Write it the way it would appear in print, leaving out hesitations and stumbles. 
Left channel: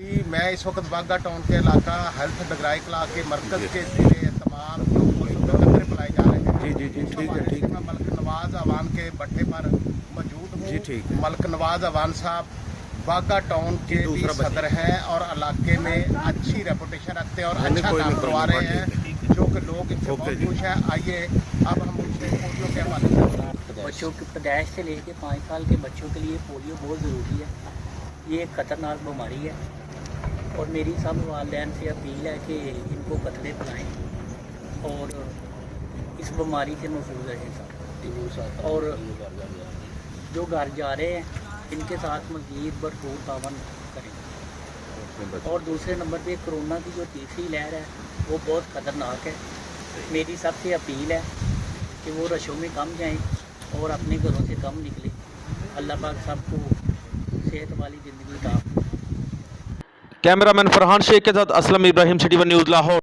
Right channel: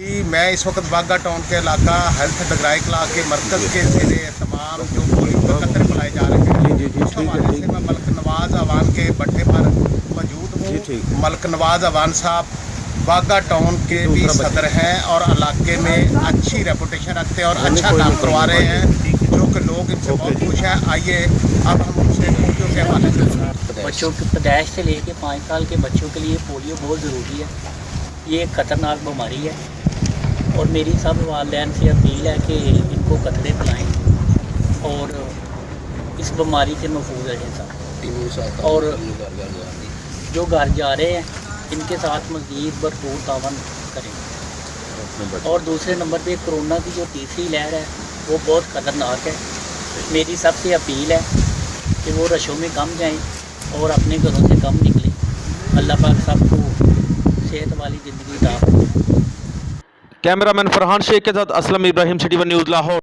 मैं इस वक्त बागा टाउन के इलाका हेल्थ डगराई क्ला के मरकज़ के ज़ेरे तमाम जो पोलियो के कतरे पिलाए जा रहे हैं जी उस हवाले से मैं मलक नवाज़ अवान के बट्टे पर मौजूद हूँ। मलक नवाज़ अवान साहब बागा टाउन के भी सदर हैं और इलाके में अच्छी रेपुटेशन रखते हैं और अच्छा काम करवा रहे हैं, जो कि लोग इनसे बहुत खुश हैं। आइए अब हम उनसे पोलियो के हवाले से बच्चों की पैदाइश से लेके 5 साल के बच्चों के लिए पोलियो बहुत ज़रूरी है। ये एक ख़तरनाक बीमारी है और मेरी सब वालिदैन से अपील है कि इनको कतरे पिलाएं और इस बीमारी से महफूज रहें सब। और जो घर जा रहे हैं इनके साथ मज़ीद भरपूर तावन करें। और दूसरे नंबर पे कोरोना की जो तीसरी लहर है वो बहुत ख़तरनाक है। मेरी सबसे अपील है कि वो रशों में कम जाएं और अपने घरों से कम निकलें। अल्लाह पाक सबको सेहत वाली ज़िंदगी अता फरमाए। कैमरामैन फरहान शेख के साथ Aslam Ibrahim, city one news Lahore.